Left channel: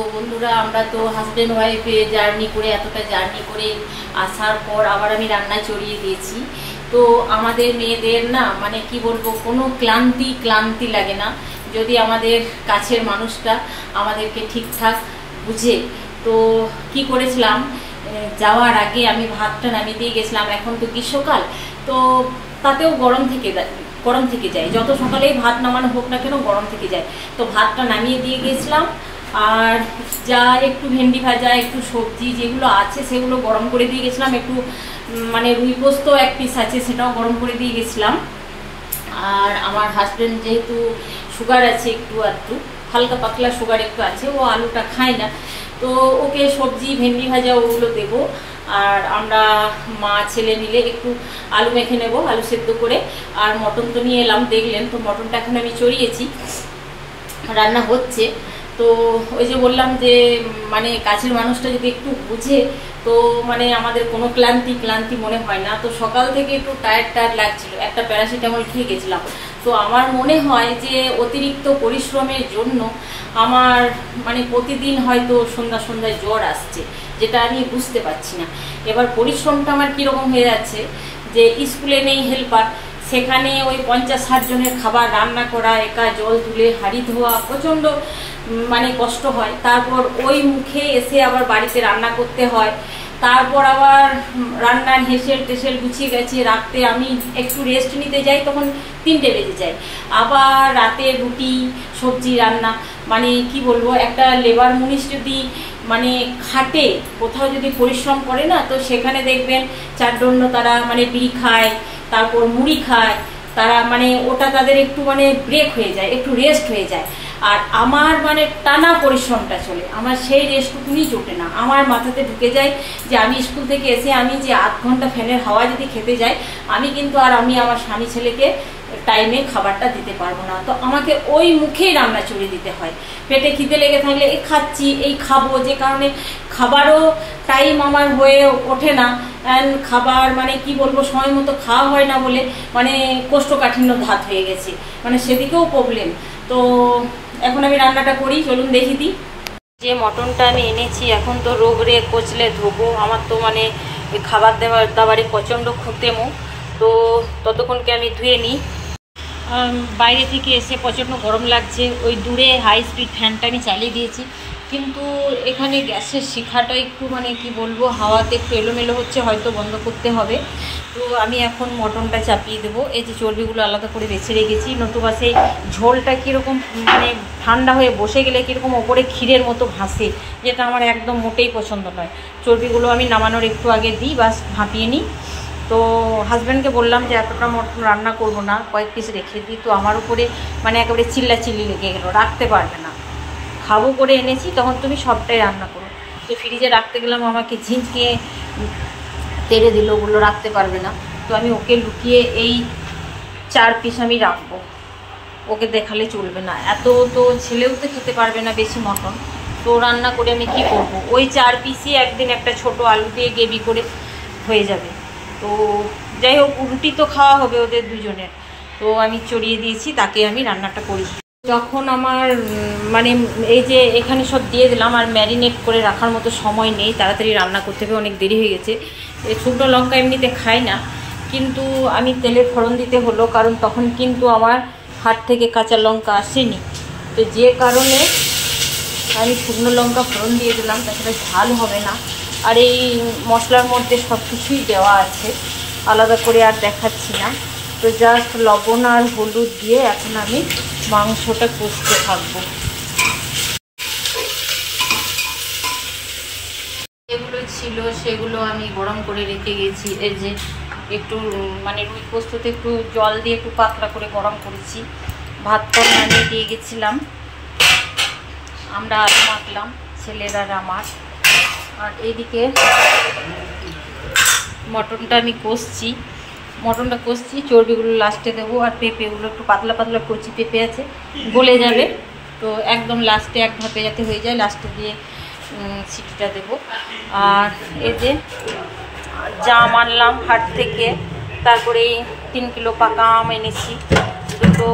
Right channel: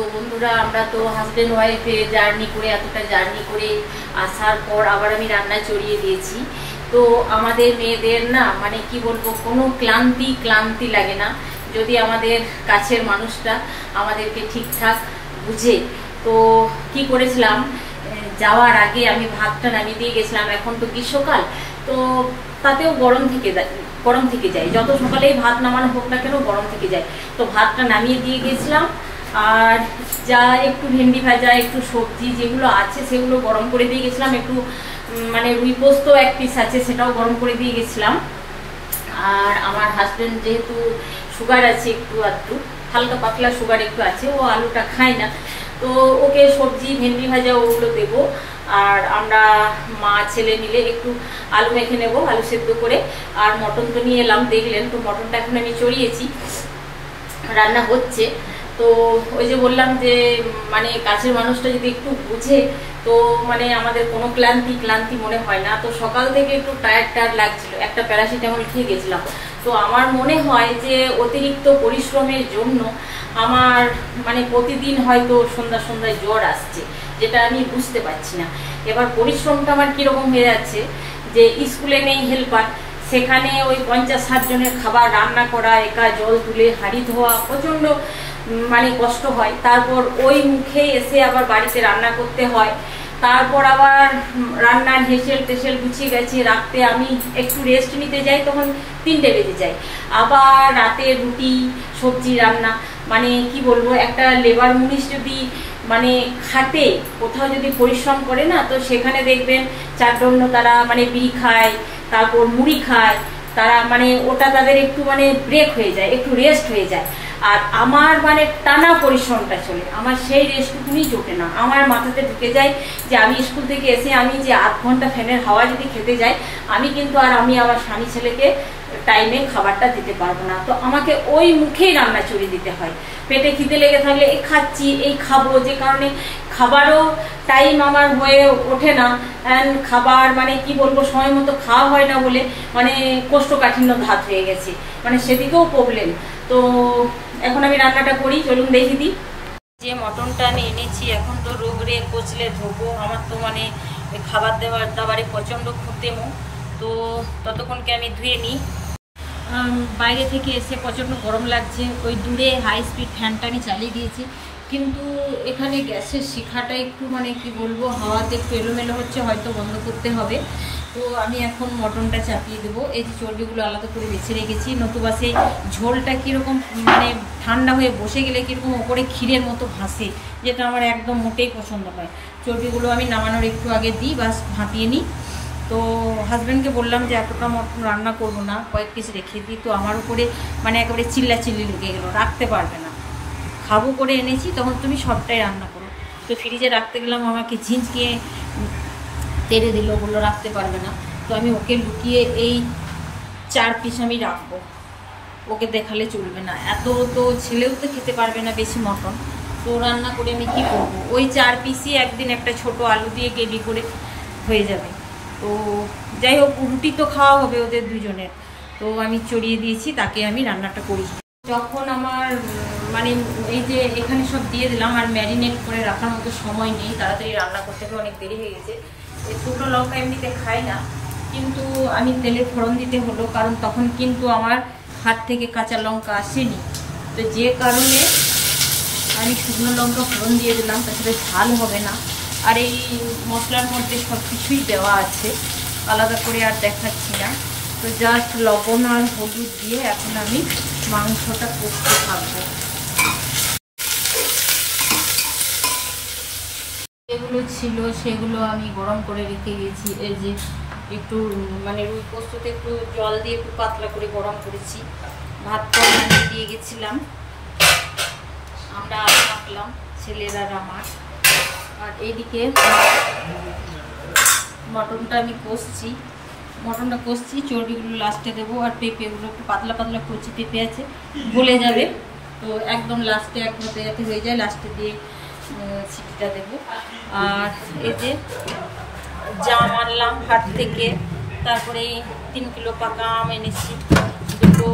তো বন্ধুরা, আমরা তো হাজব্যান্ড ওয়াইফে জার্নি করে এতটা জার্নি করে আসার পর আবার আমি রান্না চড়িয়ে দিয়েছি। তো আমাদের মেয়েদের না মানে কি বলবো, কোনো ক্লান্তি লাগে না যদি আমাদের কাছের মানুষটা আমাদেরকে ঠিকঠাক বুঝে। তো কি করেছিলাম, যাওয়ার আগে আমি ভাতটা নামিয়ে দিয়ে গেছিলাম। এখন তো গ্রীষ্মকাল, তো তাতেও গরম থেকে যায়, যত সকালেই ভাত নামানো হোক না কেন গরম থেকে যায়। তো ভাতটা নামিয়ে দিয়ে গেছিলাম, আর যা একটু ভেন্ডি ভাজা, একটু সবজি যেগুলো আছে সেগুলো গরম করে দিয়ে গেছিলাম। একটু মানে রুই পোস্ত এক পিস আছে, সেটাও গরম করে দিয়ে গেছিলাম। আর আমার হাজব্যান্ড যেহেতু সুগার আছে, একটু আধটু হালকা পাতলা সুগার একটু আছে, ও আলুটা খায় না, তো ওকে সবজি ভেন্ডি ভাজা ওগুলো দেবো। আর আমরা মা ছেলে মিলে একটু আলু মেখে নেবো, আলু সেদ্ধ করে। আর মটন তো নিয়ে এলাম, দেখলেন তো মটনটা এখন আমি চড়িয়েছি, রান্না হচ্ছে। তো ওই যে বললাম যে মানে কাছের মানুষটা যদি একটু বুঝে, তো মানে আমাদের কোনো ক্লান্তি মনে হয় না। তো সকাল থেকে একটু টায়ার্ড লাগছিল, একটা প্যারাসিটামল খেয়ে গেছিলাম। তো আমার মনে হয় যে অতিরিক্ত পরিশ্রমের জন্য আমার মানে প্রতিদিন হয়তো সন্ধ্যায় জ্বর আসছে, যেটা আমি বুঝতে পারছি না। এবার পরিশ্রমটা আমার কীরকম হয়ে যাচ্ছে যে স্কুলে নেই হেল্পার, সেখানে ওই 50-60 জনের খাবার রান্না করা, একা জল তুলে হাঁড়ি ধোয়া, প্রচণ্ড মানে কষ্ট হয়। তারপর ওই মুখে এসে আবার বাড়িতে রান্না করতে হয়, তারপর আবার রান্নার হেসেল গুছিয়ে গেছে রাখতে আমি একটু রেস্ট নিতে যাই, তখন 3টে বেজে যায়। আবার রাতে রুটি সবজি রান্না, মানে কি বলবো, একটা লেবার মুনিশ যদি মানে খাটে, কোথাও যদি পরিশ্রম করে না, তো সেখানে দেখবেন চারদণ্ড তারা মানে বিড়ি খায়, তারপর মুড়ি খায় তারা, মানে ওটা তাদের একটু মানে ব্রেক হয়ে যায়, একটু রেস্ট হয়ে যায়। আর আমার মানে টানা পরিশ্রমটা চলে, আমার সেই রেস্টটুকুনি জোটে না। আমার মাথাতে ঢুকে যায় যে আমি স্কুল থেকে এসে আমি যে 8 ঘন্টা ফ্যানের হাওয়া যদি খেতে যাই, আমি কিন্তু আর আমি আমার স্বামী ছেলেকে টাইমে খাবারটা দিতে পারবো না। তো আমাকে ওই মুখেই রান্না চড়িয়ে দিতে হয়। পেটে খিদে লেগে থাকলে এই খাচ্ছি, এই খাবো, যে কারণে খাবারও টাইম আমার হয়ে ওঠে না। খাবার মানে কি বলবো, সময় মতো খাওয়া হয় না বলে মানে কোষ্ঠকাঠিন্য ধাত হয়ে গেছে, মানে সেদিকেও প্রবলেম। তো এখন আমি রান্নাটা করি, চলুন দেখি দিই। যে মটনটা আমি এনেছি, এখন তো রোগরে কচলে ধোবো। আমার তো মানে ওই খাবার দাবারে প্রচণ্ড ক্ষতেমো, তো ততক্ষণকে আমি ধুয়ে নিই। বাইরে থেকে এসে প্রচণ্ড গরম লাগছে, ওই দূরে হাই স্পিড ফ্যানটা আমি চালিয়ে দিয়েছি, কিন্তু এখানে গ্যাসের শিখাটা একটু মানে কি বলবো, হাওয়াতে একটু এলোমেলো হচ্ছে, হয়তো বন্ধ করতে হবে। তো আমি এখন মটনটা চাপিয়ে দেবো। এই যে চর্বিগুলো আলাদা করে বেছে রেখেছি, নতুবা সেই ঝোলটা কীরকম মানে ঠান্ডা হয়ে বসে গেলে কীরকম ওপরে ক্ষীরের মতো ভাসে, যেটা আমার একদম মোটেই পছন্দ নয়। চর্বিগুলো আমি নামানোর একটু আগে দিই, বাস ভাপিয়ে নিই। তো হাজব্যান্ডকে বললাম যে এতটা মটন রান্না করব না, কয়েক পিস রেখে দিই। তো আমার উপরে মানে একেবারে চিল্লি লেগে গেলো, রাখতে পারবে না, খাবো করে এনেছি, তখন তুমি সবটাই রান্না করো। তো ফ্রিজে রাখতে গেলাম, আমাকে ঝিঁঝকিয়ে তেড়ে দিল, বললো রাখতে পারবে না। তো আমি ওকে লুকিয়ে এই 4 পিস আমি রাখবো, ওকে দেখালে চলবে না। এত তো ছেলেও তো খেতে পারবে না বেশি মটন, তো রান্না করে আমি কি করব। ওই 4 পিসই একদিন একটা ছোট আলু দিয়ে গ্রেভি করে হয়ে যাবে। তো যাই হোক, রুটি তো খাওয়া হবে ওদের দুজনের। তো আমি চড়িয়ে দিয়েছি, তাকে আমি রান্নাটা করি। যখন আমার মানে এই যে এখানে সব দিয়ে দিলাম, আর ম্যারিনেট করে রাখার মতো সময় নেই, তাড়াতাড়ি রান্না করতে হবে, অনেক দেরি হয়ে গেছে। শুকনো লঙ্কা এমনিতে খাই না, কিন্তু আমি তেলে ফোড়ন দিতে হলো, কারণ তখন কিন্তু আমার হাট থেকে কাঁচা লঙ্কা আসেনি। তো যে কারণে আমি শুকনো লঙ্কা ফোড়ন দিয়ে দিলাম, তাছাড়া ঝাল হবে না। আর এই মশলার মধ্যে সব কিছুই দেওয়া আছে, আলাদা করে আর দেখাচ্ছি না। তো জাস্ট লবণ আর হলুদ দিয়ে এখন আমি মাংসটা কষতে থাকবো। যেগুলো ছিল সেগুলো আমি গরম করে রেখে গেছি। এই যে একটু মানে রুই পোস্ততে একটু জল দিয়ে একটু পাতলা করে গরম করেছি। ভাত তো নামিয়ে দিয়ে গেছিলাম, আমরা আলু মাখলাম ছেলের আর আমার। আর এইদিকে মটনটা আমি কষছি, চর্বিগুলো লাস্টে দেবো। আর পেঁপেগুলো একটু পাতলা কচি পেঁপে আছে, গলে যাবে। তো একদম লাস্টে এক ধাপে যাতে হয়ে যায়, লাস্টে দিয়ে সিটিটা দেবো। আর এই যে জাম আনলাম হাট থেকে, তারপরে 3 কিলো পাকা আম এনেছি, 2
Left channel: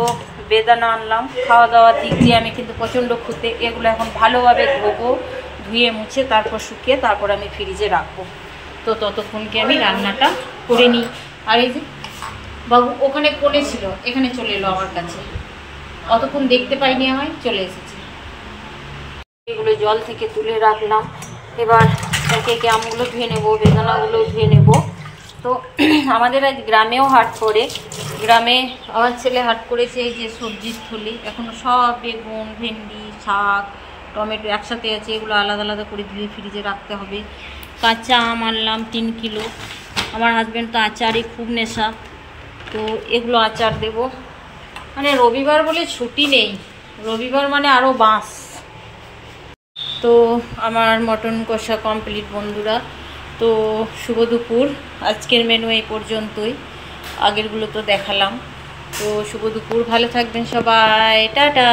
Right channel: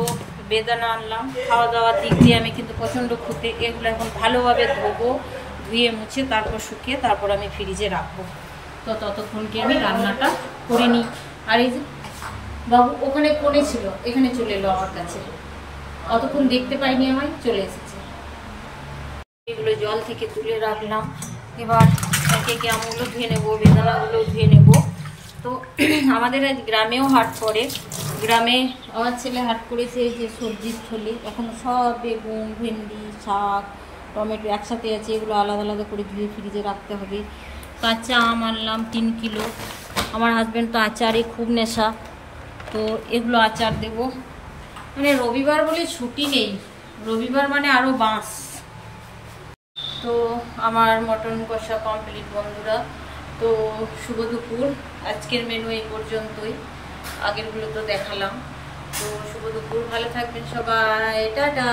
বেদানা আনলাম। খাওয়া দাওয়ার দিক দিয়ে আমি কিন্তু প্রচণ্ড খুঁতে। এগুলো এখন ভালোভাবে ধোবো, ধুয়ে মুছে তারপর শুকিয়ে তারপর আমি ফ্রিজে রাখবো। তো ততক্ষণকে আমি রান্নাটা করে নিই। আর এই যে বাবু ওখানে কোণে ছিল, এখানে চলে এলো আমার কাছে, অতক্ষণ দেখতে পাইনি, আমায় চলে এসেছে। এগুলো জল থেকে তুলে রাখলাম। এবার একে একে আমগুলো ধুয়ে নেবো, বেদানাগুলো ধুয়ে নেব। তো আমাদের আজ গ্রামেও হাট পড়ে। গ্রামে আমার ছেলে হাট করেছে। এই যে সবজির থলি, এখনও সব বেগুন, ভেন্ডি, শাক, টমেটো একসাথে আছে। এগুলো আলাদা আলাদা করে ধুয়ে ফ্রিজে রাখতে হবে। কাঁচা আম আনলাম 3 কিলো। আমার হাজব্যান্ড তো আচারে খুব নেশা, তো এগুলো আচার দেব। মানে রবিবার বলে ছুটি নেই, রবিবার মানে আরও বাঁশ। তো আমার মটন কষা কমপ্লিট বন্ধুরা। তো শুভ দুপুর। আজকের মেনু এই পর্যন্তই, আগেরগুলো তো দেখালাম। তো শুভ দুপুর, ভালো থাকবেন সবাই, টাটা।